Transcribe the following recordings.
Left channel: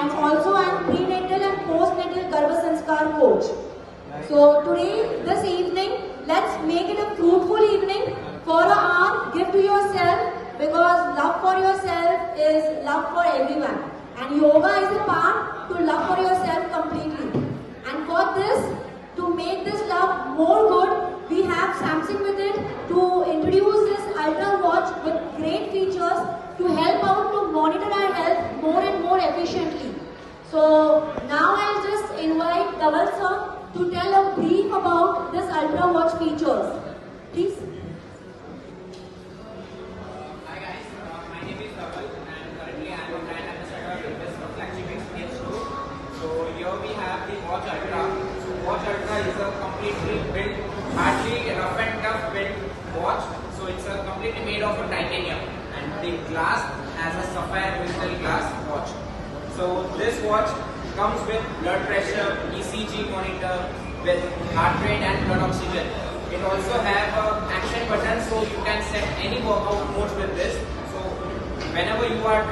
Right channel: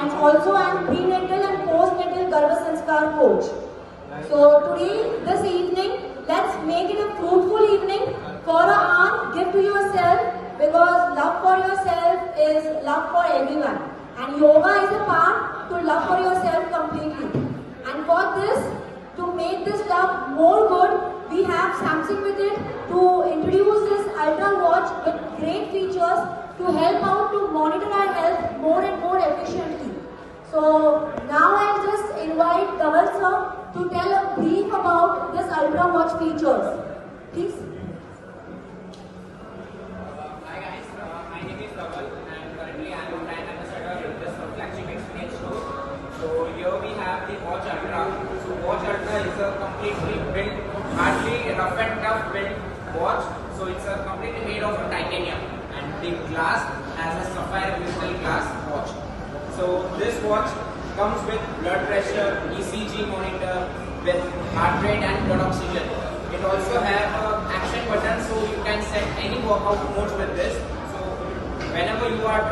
and also I am prenatal and postnatal Garbha Sanskar coach. So today, this evening, let's make it a fruitful evening for an hour. Give to yourself, because love for yourself is love for everyone. And yoga is a part to love for yourself completely. And for this, to make this love more good, we have Samsung with it to introduce this Ultra watch with great features to help out to monitor our health more and more efficiently. So now I'll just invite Dhaval sir to tell a brief about this Ultra watch features. Please. Hi guys, my name is Dhaval and currently I am a brand ambassador with this flagship experience store. So here we have the Watch Ultra. So Watch Ultra is a completely built, hardly rough and tough built watch. So it's a completely made of titanium and the glass has a sapphire crystal glass watch. So this watch comes with blood pressure, ECG monitor, with heart rate and blood oxygen. It also has an action button, so you can set any workout modes with this. So whenever you are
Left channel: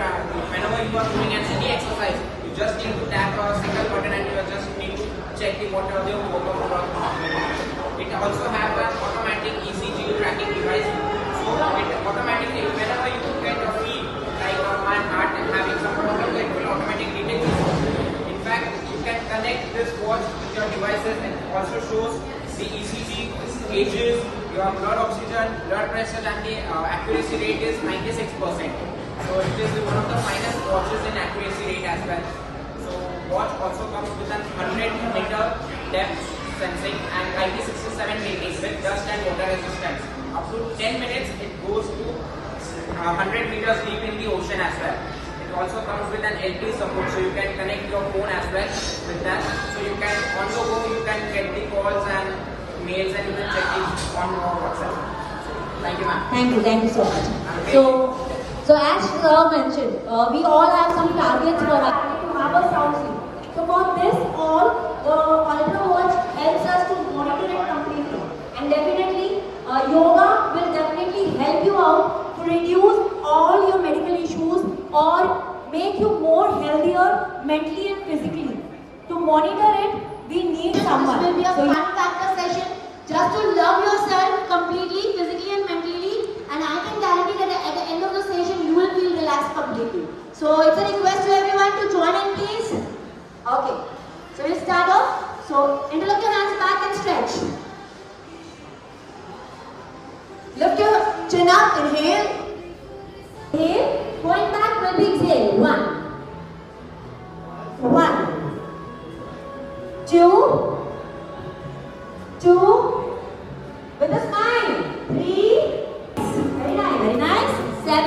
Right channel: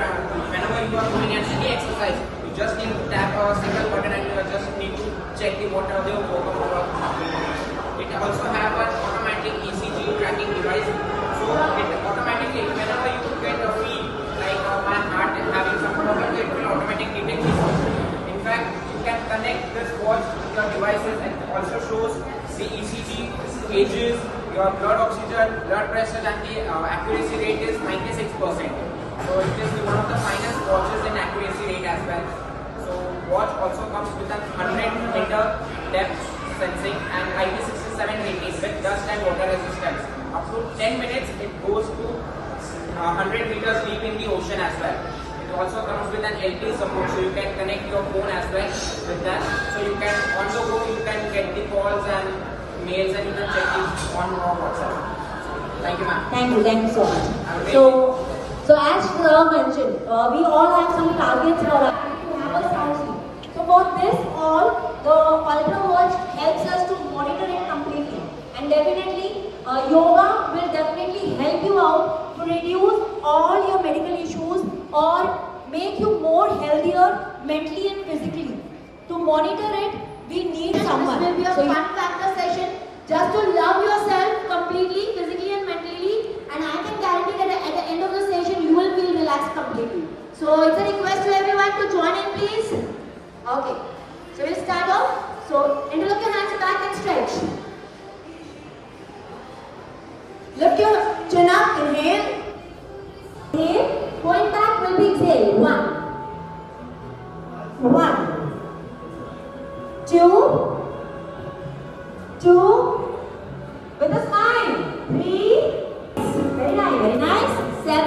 doing any exercise, you just need to tap a single button and you just need to check the what are the workout happening. It also has an automatic ECG tracking device. So it automatically, whenever you get a feel like my heart is having some problem, it will automatically detect it. In fact, you can connect this watch with your devices and it also shows the ECG, gauges, your blood oxygen, blood pressure, and the accuracy rate is 96%. So it is one of the finest watches in accuracy rate as well. So watch also comes with an 100-meter depth sensing and IP67 rating with dust and water resistance. Up to 10 minutes it goes to 100 meters deep in the ocean as well. It also comes with an LTE support, so you can connect your phone as well with that. So you can, on the go, you can get the calls and mails and you can check it on your WhatsApp. So, thank you, ma'am. Thank you so much. So as sir mentioned, we all have some targets for us to have a sound sleep. So for this all, the Ultra watch helps us to monitor it completely. And definitely, yoga will definitely help you out to reduce all your medical issues or make you more healthier mentally and physically. To monitor it, we need someone. This will be a fun factor session just to love yourself completely, physically and mentally. And I can guarantee that at the end of the session, you will feel relaxed completely. So it's a request to everyone to join in, please. Okay. So we'll start off. So interlock your hands back and stretch. Lift your chin up, inhale. Inhale, going back will be exhale. 1, 2, with a smile. 3, very nice. 7,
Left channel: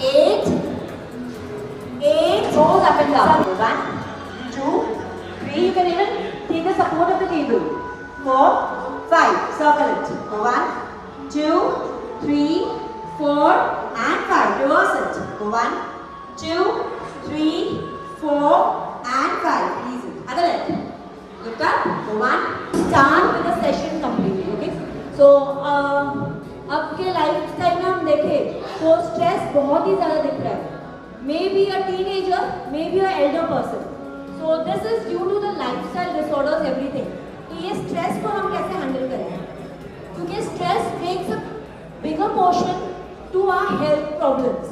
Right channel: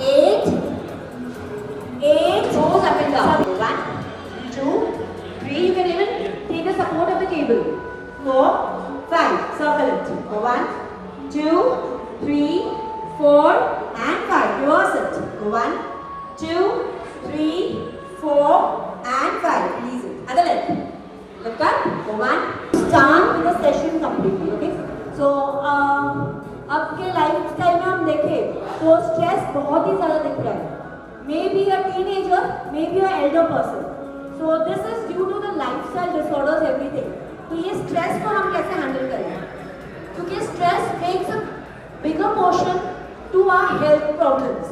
8, toes up and down. 1, 2, 3, you can even take the support of the table. 4, 5, circle it. 1, 2, 3, 4, and 5. Reverse it. 1, 2, 3, 4, and 5. Easy. Other leg. Lift up. 1. Start with the session completely. Okay. So आपके लाइफस्टाइल में हम देखें तो स्ट्रेस बहुत ही ज़्यादा दिख रहा है. Maybe a teenager, maybe a elder person. So this is due to the lifestyle disorders, everything. तो ये स्ट्रेस को हम कैसे हैंडल करें? क्योंकि stress takes a bigger portion to our health problems.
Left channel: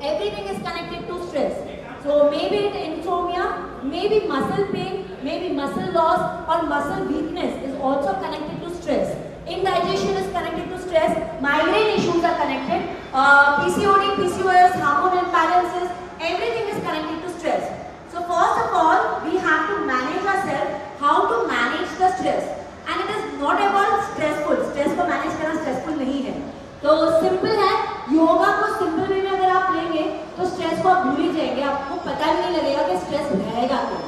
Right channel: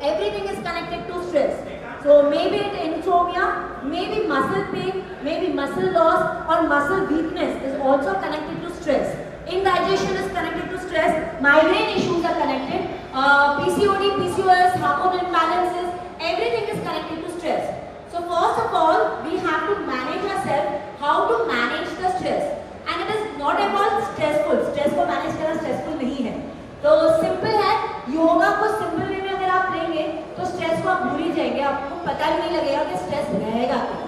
Everything is connected to stress. So maybe insomnia, maybe muscle pain, maybe muscle loss or muscle weakness is also connected to stress. Indigestion is connected to stress. Migraine issues are connected. PCOD, PCOS, hormone imbalances, everything is connected to stress. So first of all, we have to manage ourselves, how to manage the stress. And it is not about stressful. Stress को manage करना stressful नहीं है. तो simple है. योगा को simple way में अगर आप लेंगे, तो stress को आप भूल ही जाएंगे. आपको पता ही नहीं लगेगा कि stress रहेगा क्या.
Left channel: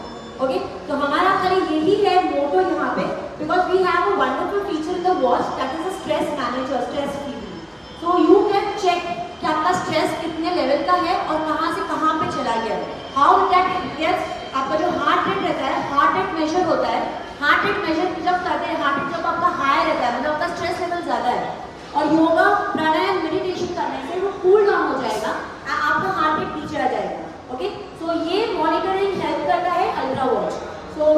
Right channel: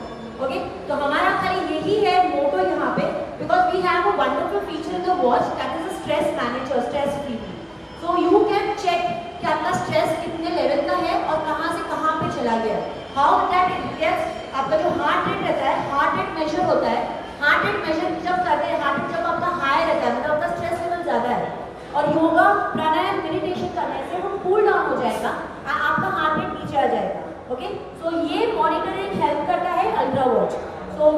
Okay? तो हमारा खाली यही है मोटो यहाँ पे, because we have a wonderful feature in the watch that is a stress manager, stress free. So you can check कि आपका stress कितने level का है और कहाँ से कहाँ पे चला गया. How that yes, आपका जो heart rate रहता है, heart rate measure होता है. Heart rate measure जब करते हैं, heart rate जब आपका high रहता है, मतलब आपका stress level ज़्यादा है. और योगा, प्राणायाम, मेडिटेशन करने से वो कूल डाउन हो जाएगा. आपका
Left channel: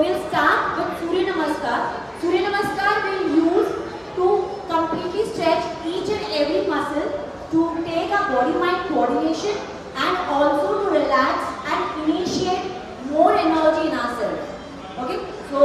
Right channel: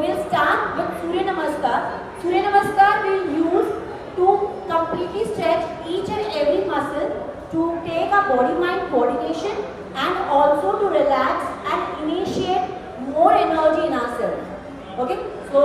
we'll start with Surya Namaskar. Surya Namaskar we'll use to completely stretch each and every muscle to take our body-mind coordination and also to relax and initiate more energy in ourselves. Okay? So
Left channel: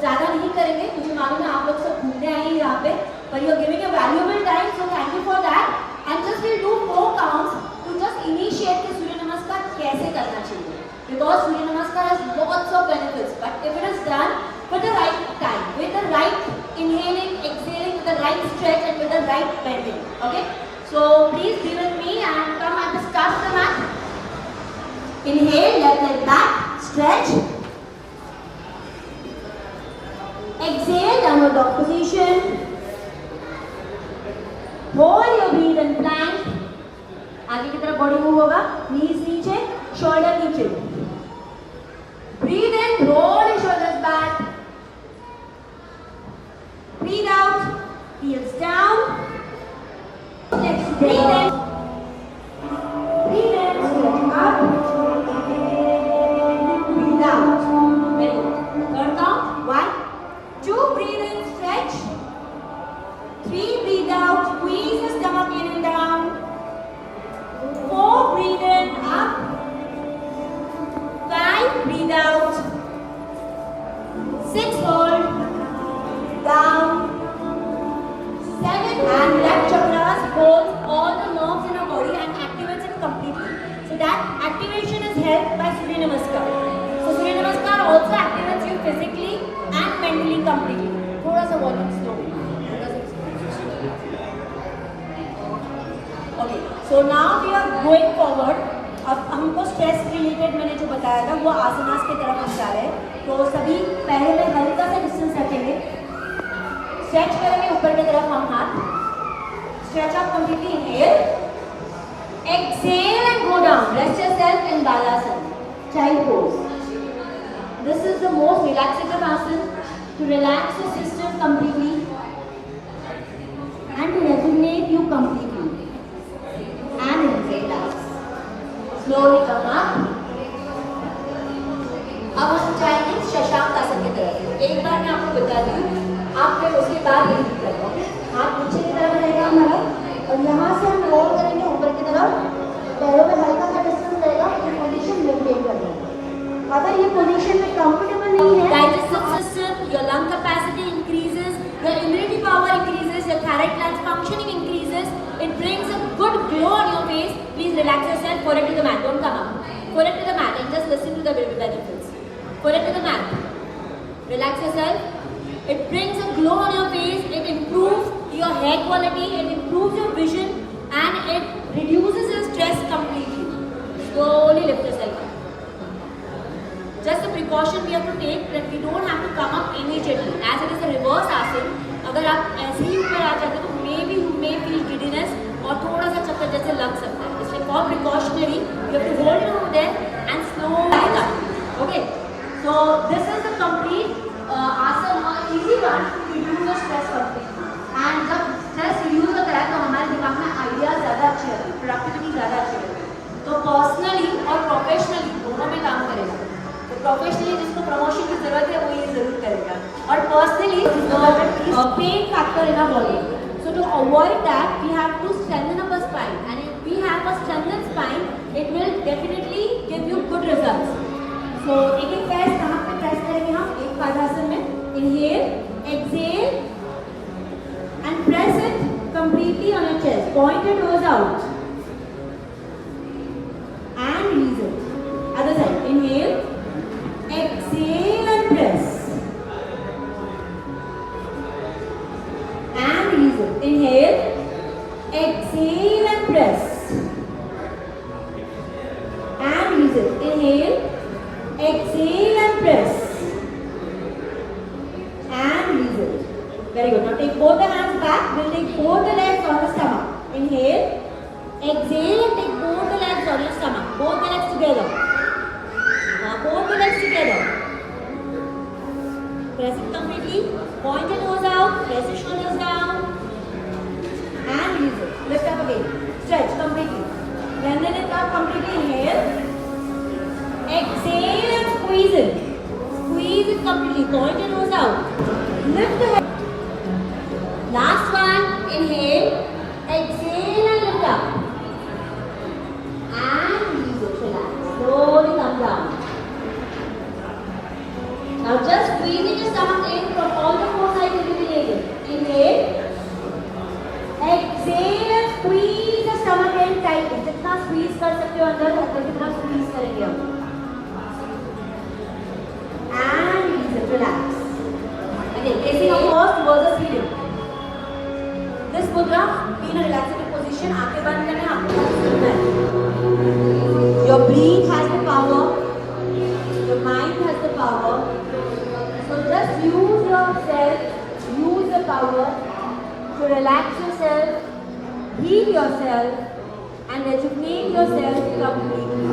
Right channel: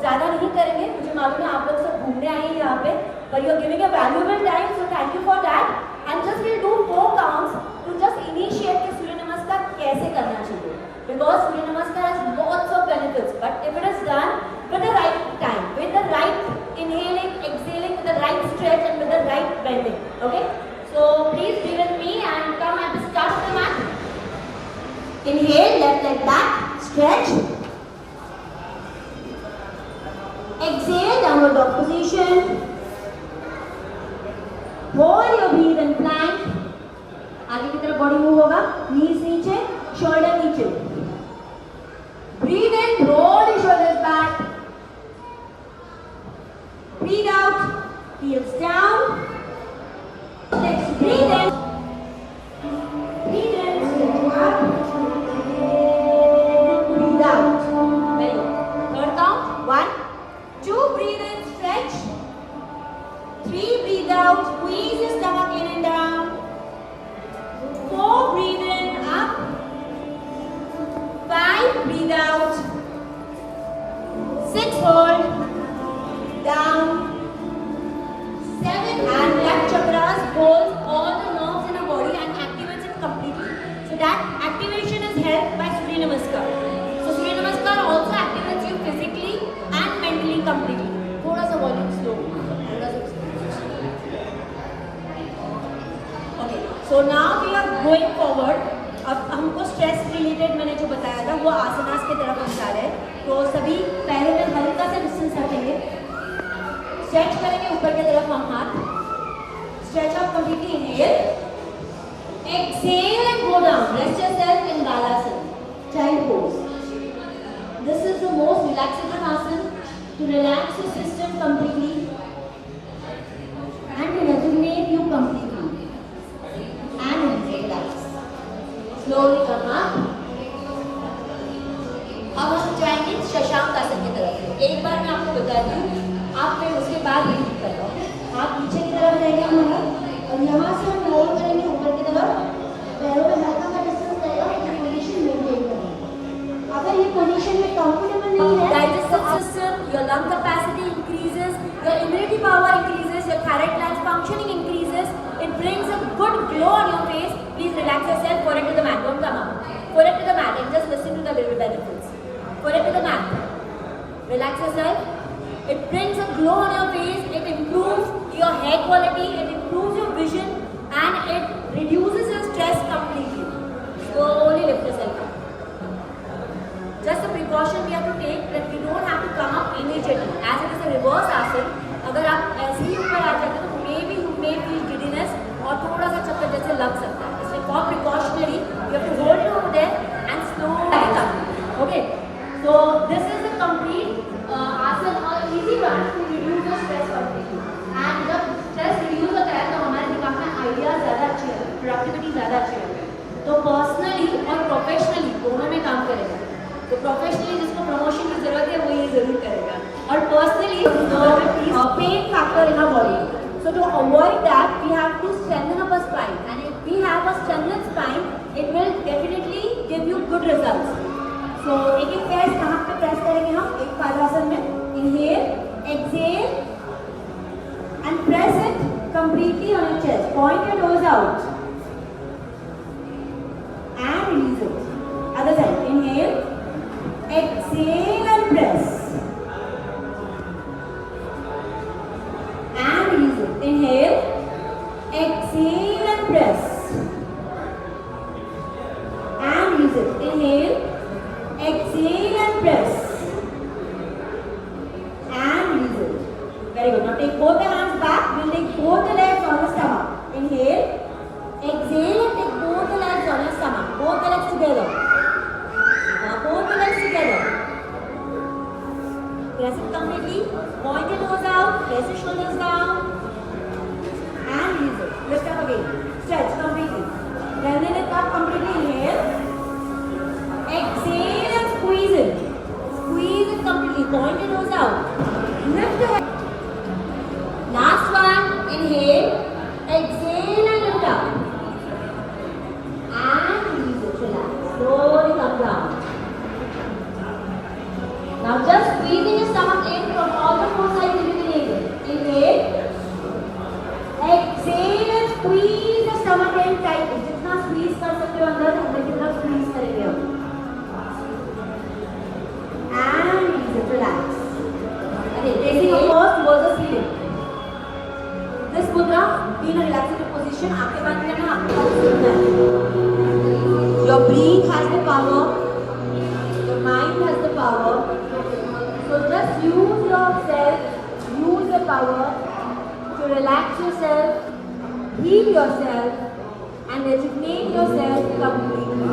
ज़्यादा नहीं करेंगे, मुझे मालूम है आप लोग सब घूमने आए हैं यहाँ पे, but you are giving a valuable time, so thank you for that. And just we'll do 4 counts to just initiate the Surya Namaskar कैसे करना चाहिए. Because Surya Namaskar has lots of benefits, but if it is done with the right time, with the right inhaling, exhaling, with the right stretch and with the right bending. Okay? So please be with me and come at the start of the mat. Inhale, left leg back, stretch. Exhale, downward dog position. Hold your breath and plank. आगे की तरफ body move होगा, knees नीचे, shoulder नीचे. Breathe in, roll your shoulders back. Breathe out, heels down. Breathe in. Breathe in, stretch up. Breathe out. Very good. Third count. 1, 2, breathe in, stretch. 3, breathe out, squeeze your stomach in and down. 4, breathe in, up. 5, breathe out. 6, hold. Down. 7, and left chakras holds all the nerves in our body and activates it completely. So that activation is helped by Surya Namaskar. So Surya Namaskar also activates you physically and mentally completely. थोड़ा सा volume slow. Okay, so now we are going forward. अब हमको stress related मैंने जो बताया था वो आसनास की तरफ हम जा रहे हैं. तो सभी पैरों में हल्का सा डिस्टेंस रखेंगे. स्ट्रेच करेंगे ऊपर की तरफ हम हाथ. Stretch up completely. Inhale, exhale and go down. Rest yourself in Balasana, child pose. This is the most relaxative asana to relax your system completely and to resonate you completely. And relax. Slowly come up. अब हम जाएंगे शशांक आसन की तरफ. एक बार मैं आपको बता दूं, आप फिर उसके बाद रिपीट करो. हाथ पीछे की तरफ रहेगा हमारा और यहाँ से हम रोल करेंगे ऊपर की तरफ. पैरों में हल्का सा डिस्टेंस रहेगा. ये पोजीशन मेंटेन करना है. अगर ये पोजीशन में कंफर्टेबल नहीं है, digestive system, your lung capacity increases, your immunity power increases, your thyroid gland functioning increases. It brings a good glow on your face. Please relax yourself. Fall into the mat. Don't come up. Fall into the mat and just listen to the benefits. Fall into the mat. Relax yourself. It brings a glow on your face. It improves your hair quality. It improves your vision, and it reduces your stress completely. Slowly lift yourself up. Just a precaution we have to take that we don't have to come up immediately. As it is a reverse asana, अगर आप ऐसे ही ऊपर आ जाते तो maybe you may feel giddiness और थोड़ा सा चक्कर जैसे लग सकता है. इसलिए for precautionary, you have to hold it over there and slowly up. Okay. So this is the complete asana, easy one to reduce the stress completely. And जब stress reduce होता है तो हमारे दिमाग में ideas ज़्यादा अच्छी लगती है, productivity ज़्यादा अच्छी लगती है. तो personally और professionally दोनों में काम करेगा. तो प्रोफेशनली जिसको प्रमोशन की जरूरत है वो ये जरूर करेगा. और personally pain factor in our body. So to avoid that we have to strengthen our spine. And if we have a strengthen spine it will definitely give you good results. So एक एक प्रेस कहाँ पे प्रेस करेंगे हम एक पादासन में. Inhale, exhale and press it completely on your chest. Point your toes out and release it. Other side. Inhale, exhale and press and release it. Inhale, exhale and press and release it. Inhale, exhale and press and release it. Very good. Now take both the hands back. We'll take both the legs on the stomach. Inhale, exhale and take both the legs on your stomach. Both the legs together. Both the legs together. Press it completely. Point your toes out. Press your shoulders down. And release it. Lift up again. Stretch completely. Lengthen it up completely. Inhale. Exhale and squeeze it. Squeeze it completely. Nicely. Point your nose out. Lift the head. Last one. Inhale. Exhale and lift up. And release it. Relax. Slowly come down. Now just squeezing your stomach in from all the four sides if you can inhale. Inhale. Exhale and squeeze the stomach in tight. जितना squeeze कर सकते हो अंदर उतना कितना squeeze करेंगे हम. And release it. Relax. Again, facing upwards towards the ceiling. This mudra, be in a relaxed position. आंखें बंद करना, आंखें बंद करना. Your breath has the power. Your mind has the power. So just use yourself. Use the power to relax yourself, heal yourself, and rejuvenate yourself completely.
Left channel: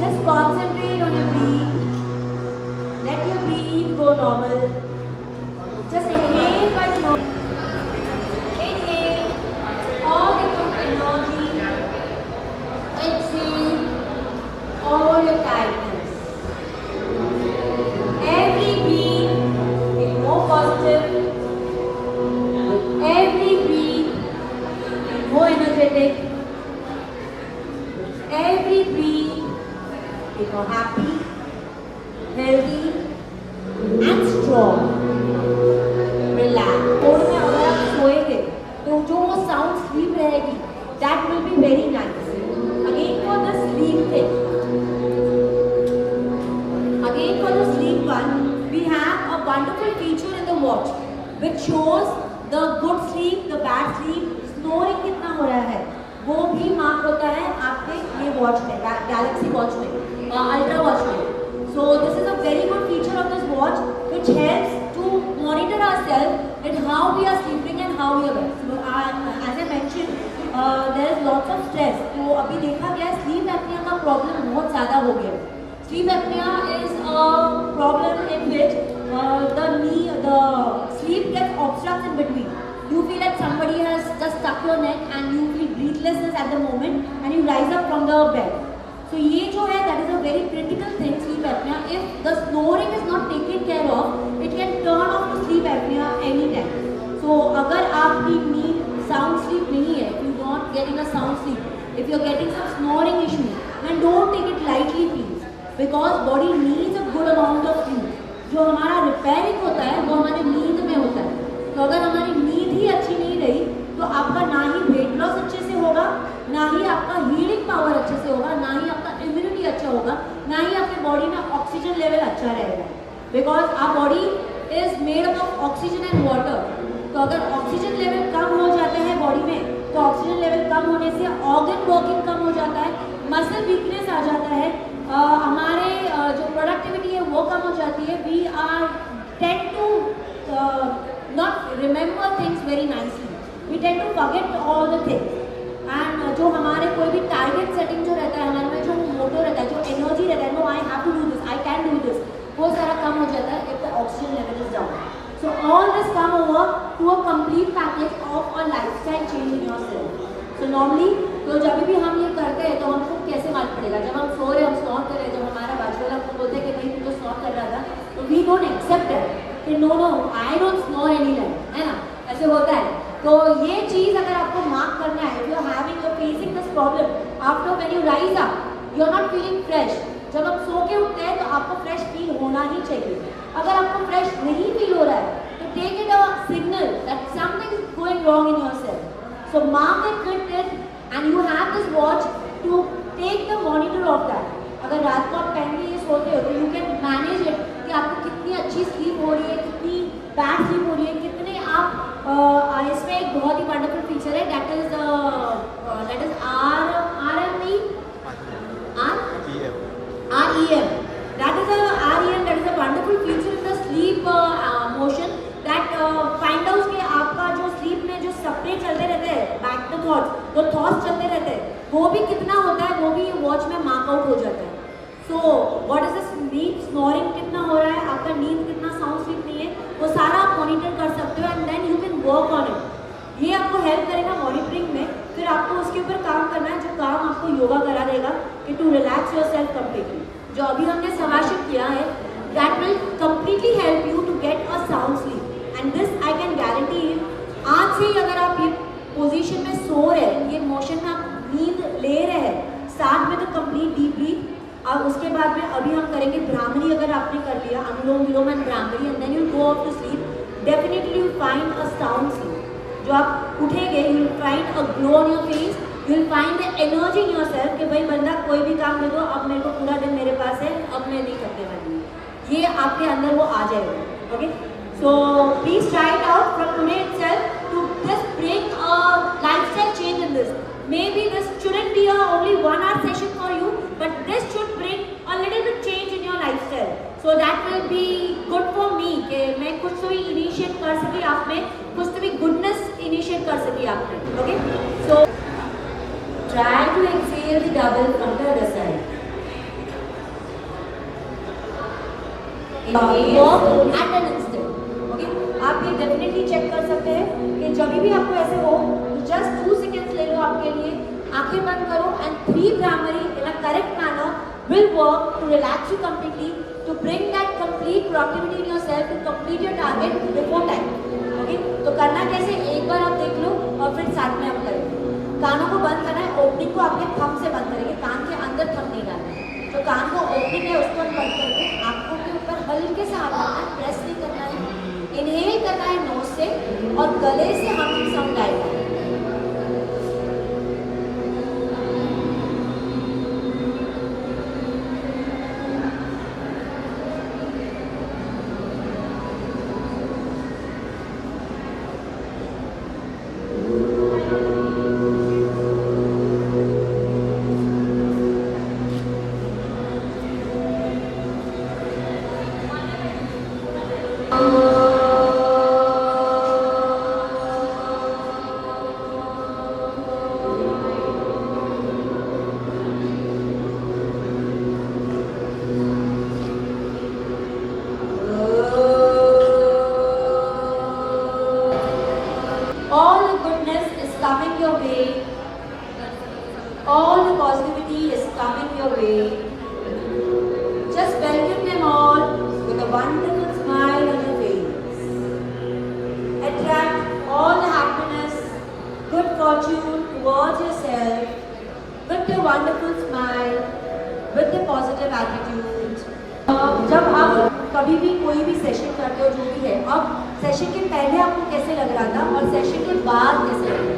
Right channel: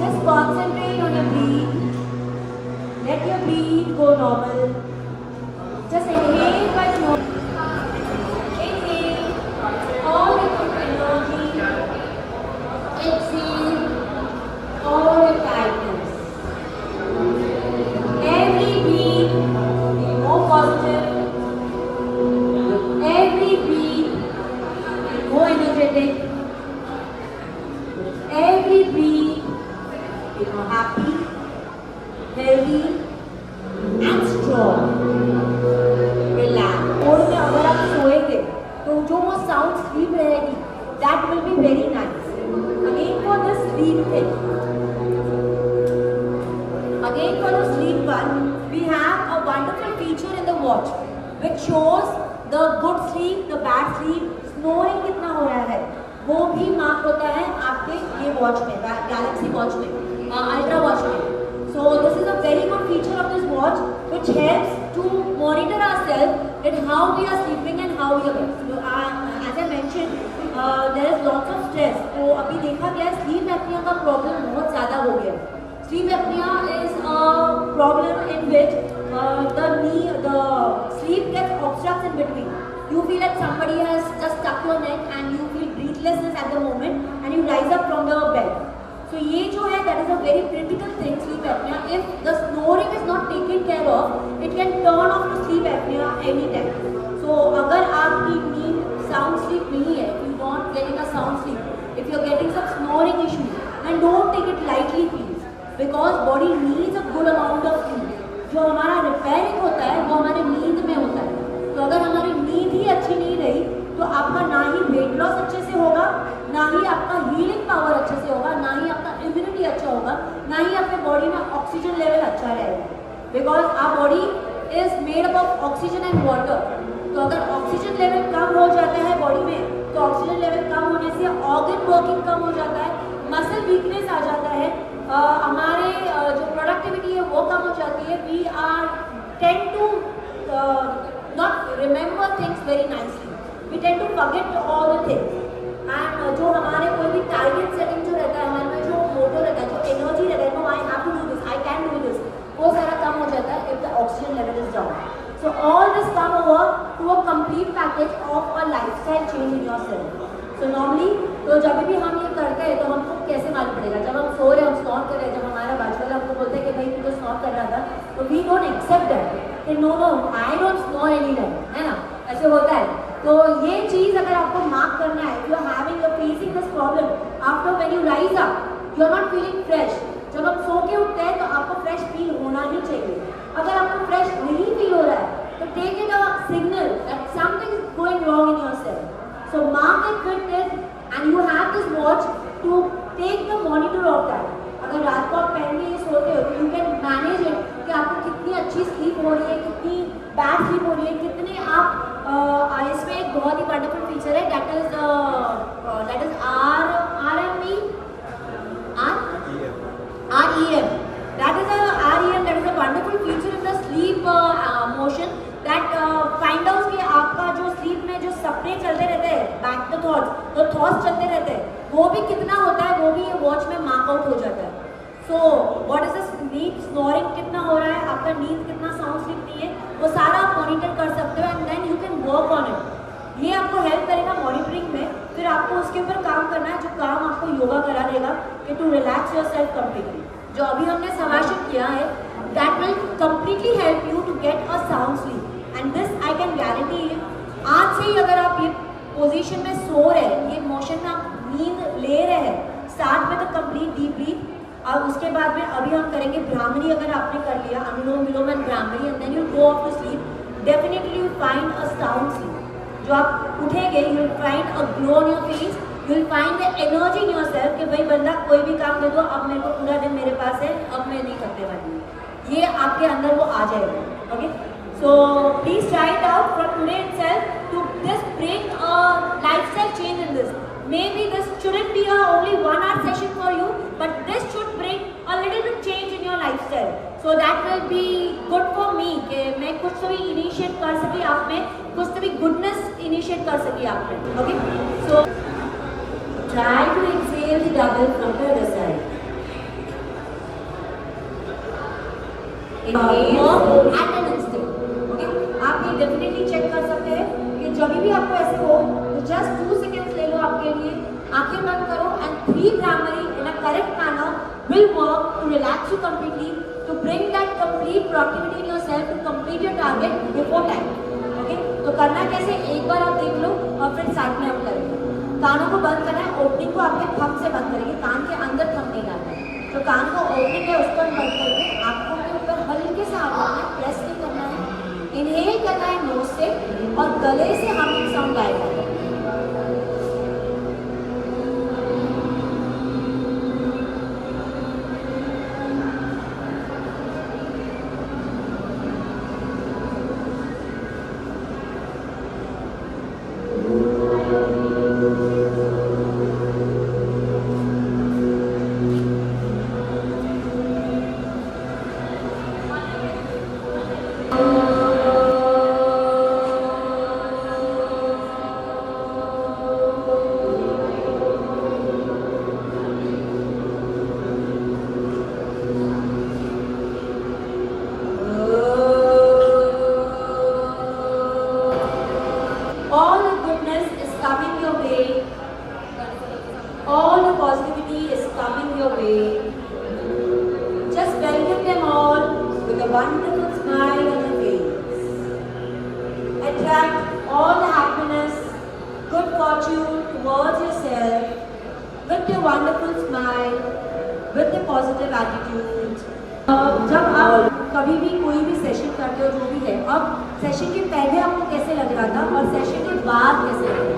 Just concentrate on your breath. Let your breath go normal. Just inhale by nose. Inhale all the good energy. Exhale all the tightness. Every breath be more positive. Every breath be more energetic. Every breath be more happy, healthy, and strong. Relax. और में अगर आप सोएंगे तो जो वो sound sleep रहेगी, that will be very nice. Again for the sleep thing. Again for the sleep one, we have a wonderful feature in the watch which shows the good sleep, the bad sleep, snoring कितना हो रहा है, वो भी मार्क होता है आपके ये वॉच में, गैलेक्सी वॉच में, अल्ट्रा वॉच में. So this is a very good feature of this watch which helps to monitor ourselves that how we are sleeping and how we are awake. So, as I mentioned, there is lots of stress. तो अभी देखा गया sleep apnea का problem बहुत ज़्यादा हो गया. Sleep apnea is a problem in which the sleep gets obstructed in between. You feel that somebody has just stuck your neck and you feel breathlessness at the moment and you rise up from the bed. So ये जो है that is a very critical thing, sleep apnea. If the snoring is not taken care of, it can turn off to sleep apnea anytime. So अगर आपकी नींद sound sleep नहीं है, if you not getting a sound sleep, if you are getting some snoring issue, then don't take it lightly please, because body needs a good amount of sleep. जो हमारा रिपेयरिंग होता है वो हमारे नींद में होता है. तो अगर हमारी नींद ही अच्छी नहीं रही तो आपका ना ही वेट लॉस अच्छे से होगा, ना ही आपका हीलिंग पावर अच्छे से होगा, ना ही आपका इम्यूनिटी अच्छा होगा, ना ही आपके बॉडी में ऑक्सीजन लेवल अच्छा रहेगा. Because our body is made up of oxygen and water. तो अगर ऑक्सीजन लेवल कम हो जाता है बॉडी में तो ऑक्सीजन लेवल कम होने से ऑर्गन वर्किंग कम हो जाता है, मसल वीकनेस आ जाता है, हमारे जो प्रोडक्टिविटी है वो कम हो जाती है. We are tend to not remember things very nicely. We tend to forget all the things. And जो हमारे कोई भी target setting जो रहता है, हमारे में जो मोटो रहता है, जो energy रहता है, no I have to do this, I can do this, वो सारा काम हो जाता है if the oxygen level is down. So all this come over to a complete package of a lifestyle change in yourself. So normally तो जब भी हम ये करते हैं तो हमको कैसे मालूम पड़ेगा, जब हम सो रहे हम snore कर रहे हैं, जब हमारा बाजू वाला हमको बोलते हैं कि नहीं तुम तो snore कर रहा था, तो we don't accept that कि no I don't snore anymore, है ना, ऐसे होता है. तो ये चीज अगर आपको मार्क करना है, you are facing this problem after when you rise up, you are not feeling fresh. जब हम सो के उठते हैं तो आपको फ्रेश फील होना ही चाहिए. अगर आपको फ्रेश नहीं फील हो रहा है तो take it a signal that something is going wrong in yourself. So mark it with this and you have this watch to take the monitor of that. अगर रात को आप पहन के ये सोते हो तो you can manage it कि आपको कितनी अच्छी स्लीप हो रही है, कितनी बैड स्लीप हो रही है, कितने आप इसमें एक बहुत ही वंडरफुल फीचर है that is REM. That is a wonderful feature in the sleep motion that find out कि आपका जो स्लीप में जो सपने चलते रहते हैं, बैक द थॉट्स, तो थॉट्स चलते रहते हैं, वो भी कितना होता है वो भी वॉच में मार्क आउट हो जाता है. So what is the sleep snoring कितना हो रहा है, आपका नींद कितना साउंड स्लीप नहीं है, वो सारा आप मॉनिटर कर सकते हो and then you can work on it. ये आपको हेल्प करेगा मॉनिटरिंग मॉनिटरिंग में फिर आपको उसके ऊपर काम करना है, जो काम आपको योगा करा देगा कि to relax yourself completely. जो अभी हमने समाशित किया है, that will completely help you to get a sound sleep and this I can guarantee you. आज से ही अगर आप ये पोजीशन में सो रहे हैं, ये मोशन में आप नींद ले रहे हैं, start with the complete deep breath. और उसके बाद में अभी हम करेंगे भ्रामरी। अगर आपने कर लिया Anulom Vilom and Bhramari and then you go off to sleep, definitely you find a sound sleep. जो आप उठेंगे, you will find a glow on your face, you will find the energy in your self कि भाई बंदा कोई भी काम दे दो, अब मेरे को पूरा दिन मेरे पास है, अब मैं नहीं करने वाली। ये आपके अंदर वो आ जाएगा। Okay, so please try it out from today itself to this bring a lifestyle change in this. Maybe this shouldn't be a only 1 hour session for you, but this should bring a little bit change in your lifestyle. So that will be good for me कि मैं कुछ तो भी initiate कर सकी आप में, कुछ तो भी goodness initiate कर सकी आप में. Okay? So try to exhale the double from the other side. Inhale at an instant. Okay? आप ये definitely check कर सकते हैं कि जब भी आपको ऐसे हो, just 2 seconds ले लो आपके लिए, आंखें बंद करो and breathe Brahmari in a correct manner will work to relax you completely, to bring that complete productivity in yourself to complete your target before time. Okay? तो करना कैसे, एक बार आप देख लो और फिर साथ में हम करेंगे। कानों को बंद करना है, ओपनिंग को आपने थंब से बंद करेंगे, कान के अंदर थंब नहीं डालना है। तो कान को ओपनिंग है उसको बंद करके आंखों के ऊपर हल्के से हाथ रखना है, प्रेस नहीं करना है, इनहेल करना है नोज से और गले से हमिंग साउंड आएगा। All the positivity is coming your way. Just welcome them all with a wonderful smile on your face. Attract all the happiness, good fortune towards yourself with your wonderful smile, with the positive attitude. जब आप कभी भी कोई भी सेशन करते हो, जो भी है, अब सेशन के पहले आपको कैसे लग रहा था और सेशन के बाद कैसे लग रहा है,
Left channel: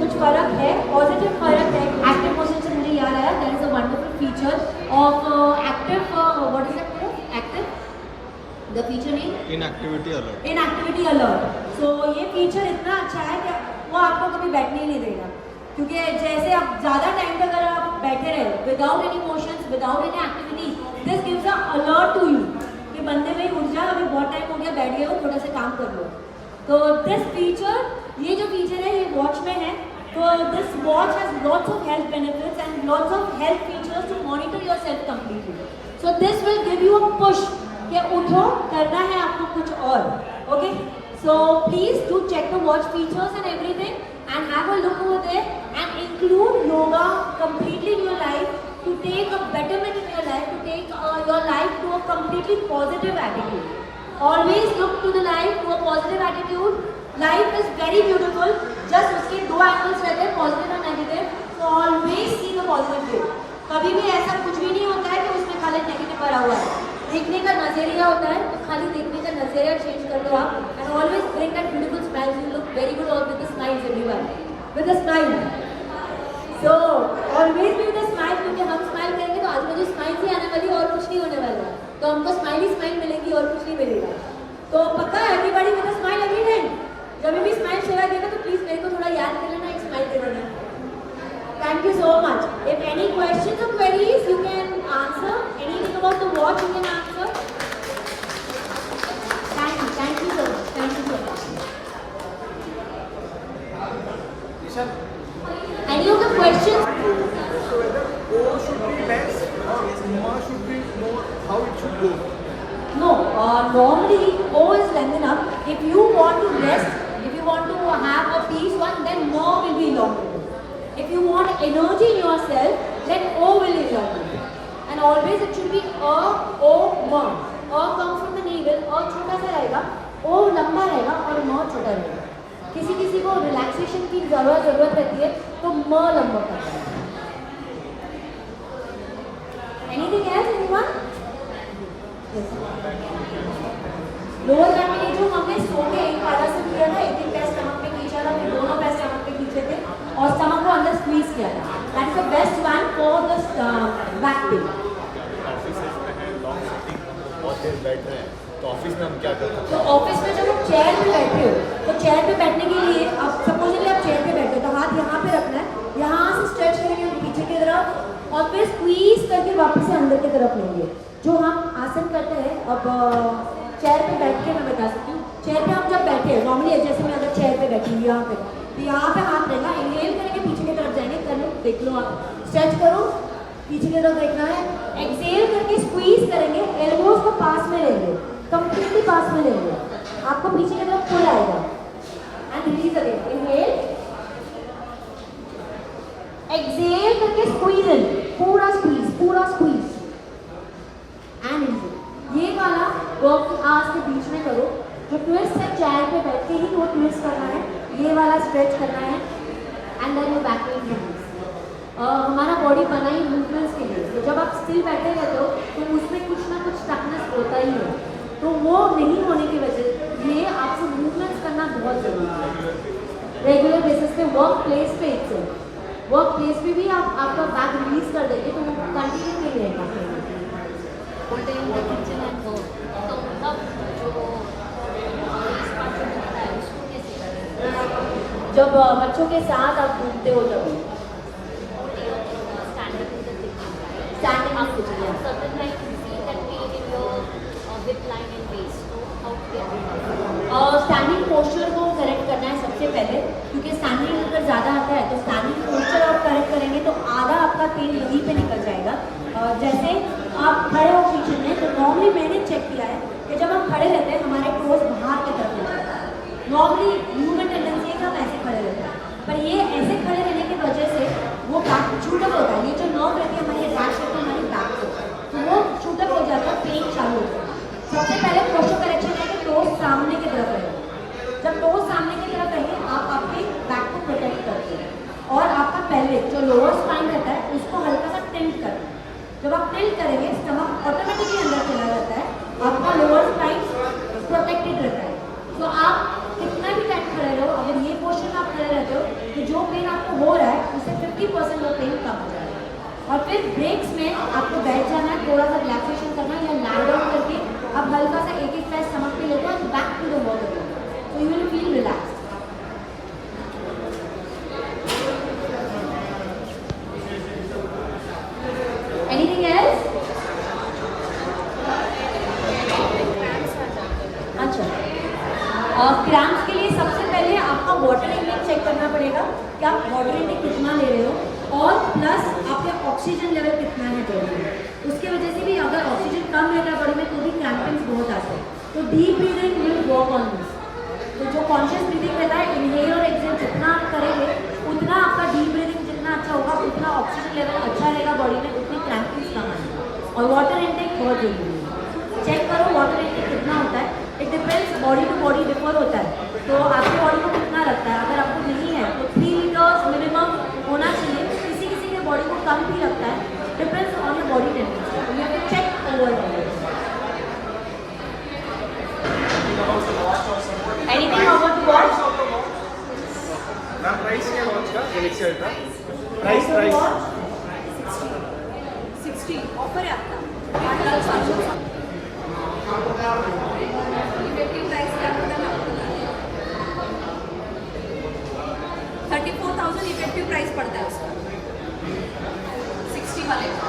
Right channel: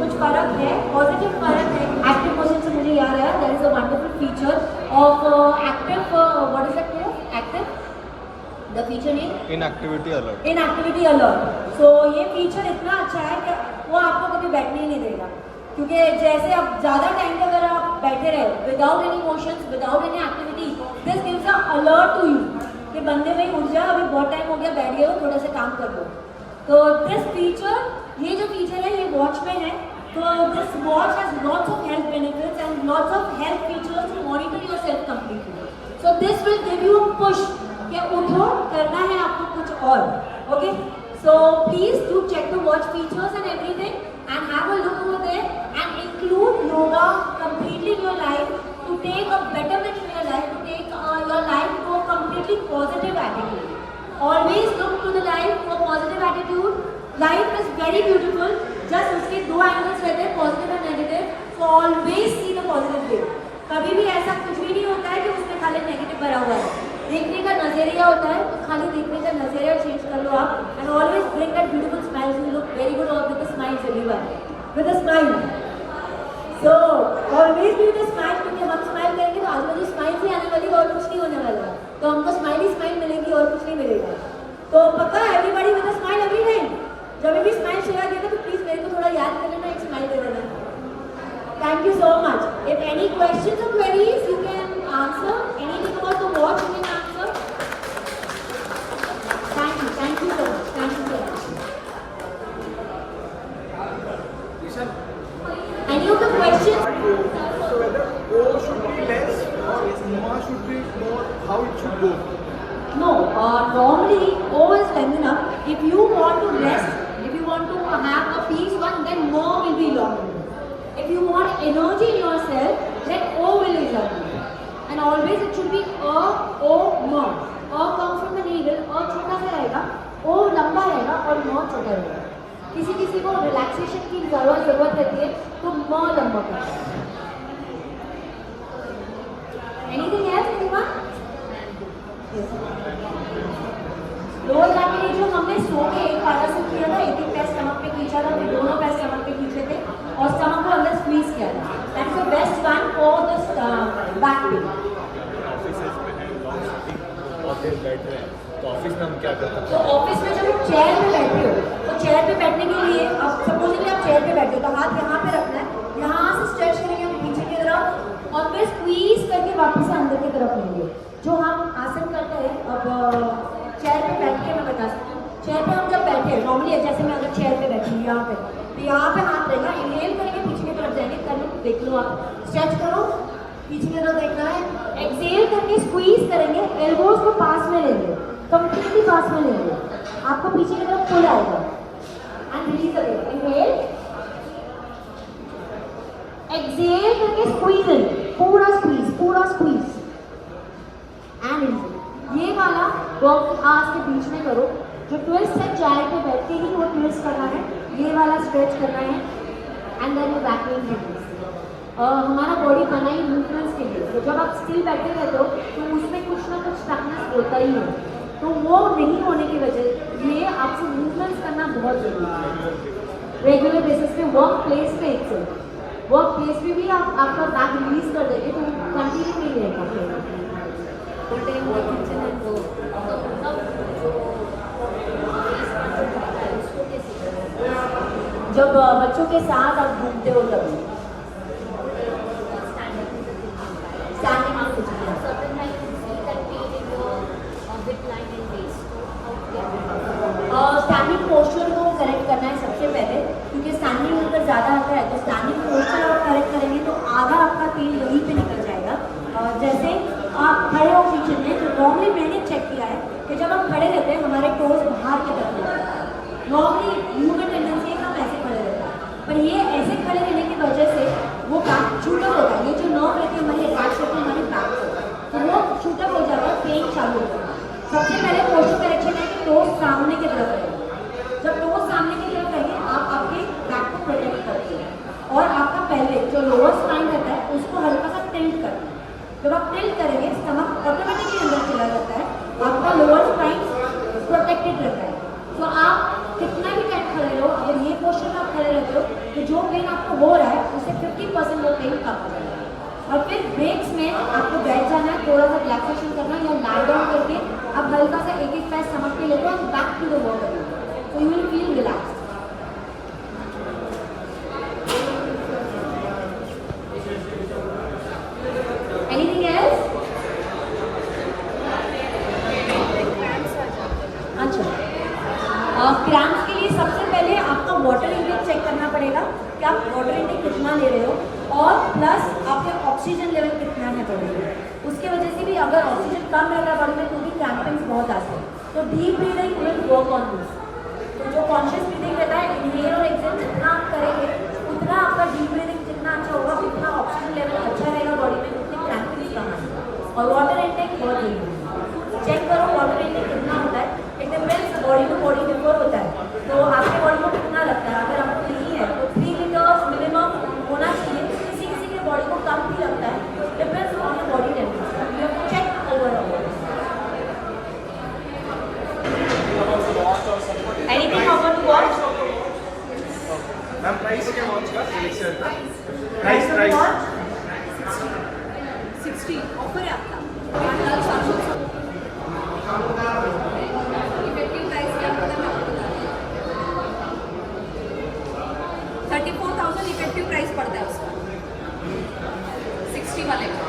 कुछ फर्क है, पॉजिटिव फर्क है। एक्टिव पोजीशन से मुझे याद आया, there is a wonderful feature of active, what is it called, active, the feature name inactivity alert. Inactivity alert. So ये फीचर इतना अच्छा है कि वो आपको कभी बैठने ही नहीं देगा, क्योंकि जैसे आप ज़्यादा टाइम तक अगर आप बैठे रहे without any motions, without any activity, this gives a alert to you कि बंदे में उठ जा, अभी बहुत टाइम हो गया, बैठ गए हो, थोड़ा सा काम कर लो। तो दिस फीचर, ये जो फीचर है ये वॉच में है। तो this watch has lots of health benefits and lots of health features to monitor yourself completely. So this will give you a push कि उठो, करना है आपको कुछ और। Okay, so please do check the watch features and everything and have a look over there and include yoga completely in your life to take a betterment in your life, to take your life to a completely positive attitude. Always look to the life to a positive attitude. Life is very beautiful. Just उसके दो angles रहते हैं, positive and negative. So always see the positive way. कभी भी ऐसा कुछ भी नहीं होता है कि उसमें खाली नेगेटिव भरा हुआ है। देखने का नजरिया होता है, तो खाली देखने का नजरिया चेंज कर लो आप and always bring that beautiful smile, you look very good with the smiles everyone, with the smile. So always be with the smile, क्योंकि हम स्माइल करेंगे तो आज मुझे स्माइल ही आने वाली और कुछ नहीं होने वाला है, तो हमको स्माइल ही स्माइल मिलेगी और कुछ नहीं मिलेगा। तो पक्का everybody with the smile every time. जब भी स्माइल चला देगा तो प्लीज मेरे को थोड़ा याद कर लेना, एक स्माइल दे देना। Thank you so much. If any questions or queries, you can answer. Anything about the watch, you can answer. Thank you so much. Thank you so much. Any of the questions? So whether O should be less or Ma should be more, how it should go? No, normally O is long enough. If you want to rest, if you want to have a peace one, then more will be long enough. energy in yourself, then O will result. And always it should be A, O, M. A comes from the needle, A छोटा सा रहेगा, O लंबा रहेगा और M छोटा रहेगा. किसी किसी को रिलैक्सेशन की जरूरत रहती है तो M लंबा करता है. Anything else, anyone? Yes. Lower back के लिए जो हमने सो के एक ताड़ासन किया था, एक पैर स्टमक पे खींचा था, फिर दोनों पैर स्टमक पे खींचे थे और स्टमक को अंदर स्क्वीज किया था. That is the best one for the back pain. बहुत देर बैठ रहे हैं तो ऑफिस में हम क्या करते हैं? तो ऑफिस में जब आप चेयर पे बैठे हो तो चेयर पे बैठने के लिए आप सपोज कि आप चेयर पे बैठे हो तो हाथ यहाँ पे रखना है, यहाँ से स्ट्रेच करेंगे पीछे की तरफ और फिर स्क्वीज करके वापस अंदर की तरफ लेंगे. जो हम आसन करते हैं, अब चेयर पे बैठ के मैं बता सकती हूँ. चेयर पे हम जब बैठे हैं नॉर्मली, जैसे मैं अगर चेयर पे बैठी हूँ यहाँ पे, तो यहाँ पे हाथ रहेगा, इनहेल करेंगे पीछे की तरफ जाएंगे, कर लो, देख लो आप, स्ट्रेच करो, पीछे की तरफ देखना है, एक्सेल करके स्क्वीज करेंगे, एल्बोज को पास में लेंगे, कंप्लीटली पास में लेंगे, आपको पीछे की तरफ पुल आएगा and release again. Inhale, exhale करके स्क्वीज इन, पूरा स्क्वीज एंड इनहेल. ये वाला वर्क आज के बीच में करो. जो ट्विस्ट है चेयर पे बैठ के ही वो ट्विस्ट करना है, ये वाला स्ट्रेच करना है एंड देन वो बैक पेन रिलीज. हमारा बॉडी बना ही मूवमेंट्स के लिए, तो जब आप स्टिल बैठे रहते हो तो उसमें कुछ ना कुछ स्टकनेस होता ही है, तो वो नहीं होने की वजह से ये आपको मूवमेंट्स करना बहुत जरूरी है रेगुलर बेसिस पे. वर्क प्लेस पे पे भी आप आपका बैक रिलीज कर देंगे तो कंटिन्यू नहीं रहेगा. जब बच्चों के साथ आप घूमते हो तब स्टैंडिंग पोस्चर को करेक्ट करना है सबसे पहले, क्योंकि स्टैंडिंग अगर ज़्यादा आता है तो स्टैंडिंग पोस्चर आप करेक्ट करेंगे तो आधा आपका पेन यहीं पे निकल जाएगा. और जैसे आप खड़े हो किचन में तो नॉर्मली मैंने चेक किया है कि जब हम खड़े रहते हैं हमारे टोज बाहर की तरफ रहते हैं. नॉर्मली ह्यूमन टेंडेंसी है कि हम ऐसे खड़े रहते हैं, पर ये ऐसे खड़े रहने की वजह से वो बैक शूटअप होता है. ये जो नर्व रहती है हमारी अटैच रहती है हमारी बैक को, तो वो शूटअप हो जाता है, पेन चालू होता है. सबसे पहले पोस्चर करेक्शन है कि टोज सामने की तरफ रहेगा. जब टोज सामने की तरफ रहेंगे आप आपके बैक को प्रोटेक्ट करते हैं और आपका पहले जो लोअर स्पाइन रहता है उसको हल्का सा टिल्ट करना है. जब आप टिल्ट करेंगे स्टमक ऑटोमेटिकली अंदर चला जाता है, आपका लोअर स्पाइन प्रोटेक्टेड रहता है. तो आप कितना भी टाइम खड़े रहो, अगर ये पोस्चर में आप खड़े रहते हो तो जो पेन आपको हो रहा है उससे 50% वो पेन कम हो जाएगा. और फिर ब्रेक्स में आपको बैठ जाना है, थोड़ा सा रिलैक्सेशन करना है या लाई डाउन करके आप हल्का सा एक पैर स्टमक पे लेते हो और बैक टू द वॉल, तो you will feel relax. Anything else? अच्छा, क्रैम्प्स के लिए सबसे पहले आपको वाटर इंटेक चेक करना पड़ेगा कि आप वाटर इंटेक कितना ले रहे हो और प्लस आपके ऑक्सीजन लेवल कितना है बॉडी में. उसकी वजह से भी अगर ऑक्सीजन कम रहता है बॉडी में तो भी क्रैम्पिंग्स बहुत आते हैं. तो deep breathing will work on this. तो जो कॉन्शियस ब्रीदिंग रहता है, इनहेल और एक्सहेल जितना आप करेंगे उतना आपका डीप ब्रीदिंग जितना अच्छा होगा, उतना ऑक्सीजन लेवल अच्छा रहेगा बॉडी में, उतनी क्रैम्पिंग्स कम आएंगे. और वाटर इंटेक बहुत जरूरी है. चेक करो वाटर इंटेक कितना होता है. It depends, body to body differ होता है, तो आपके बॉडी को कितना लगता है. अगर आपको नहीं है तो 3 लीटर्स मिनिमम होना चाहिए. किसी किसी के बॉडी को कम भी लगता है, depends on your body temperature. You have to check over. Anything about the watch? Price क्या वॉच का? प्राइस वॉच 60 ऑफर है आपका. इफेक्टिव प्राइस क्या पता मैं आपको बता रही हूँ. 34,000 इफेक्टिव प्राइस पड़ता है उसका 60 वाले का.